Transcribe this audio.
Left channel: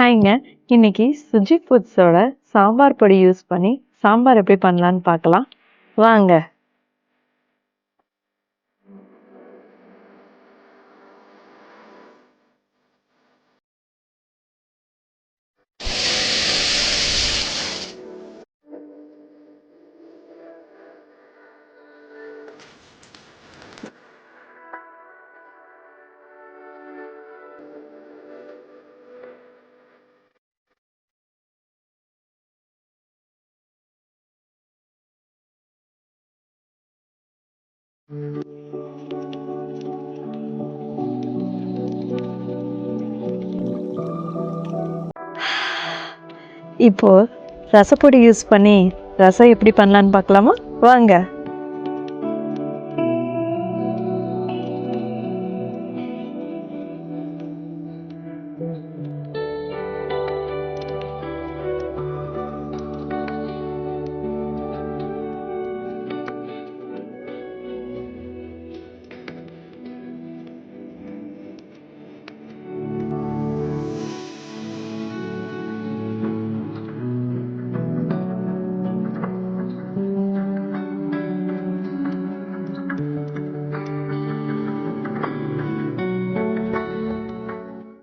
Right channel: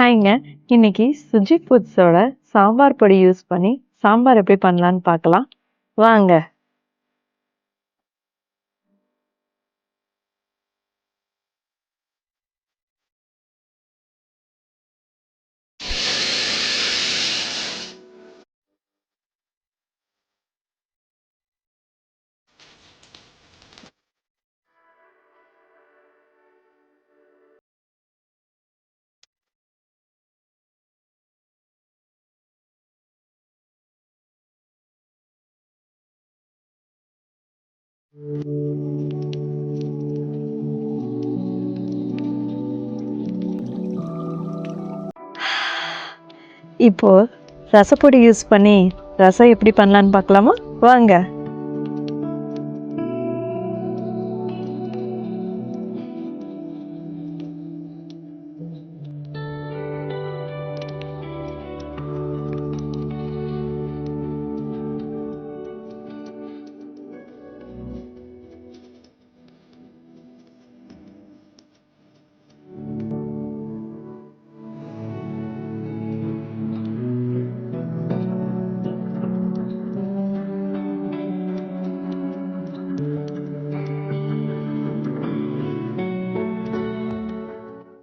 ஹாய்ங்க. இன்னைக்கு சுஜித் ஃபுட்ஸோட சாம்பார் பொடி யூஸ் பண்ணி சாம்பார் எப்படி பண்ணலான்னு பார்க்கலாம். வாங்க. இப்போ ரசப்பொடி யூஸ் பண்ணி ரசம் எப்படி பண்ணலான்னு பார்க்கலாமா? வாங்க.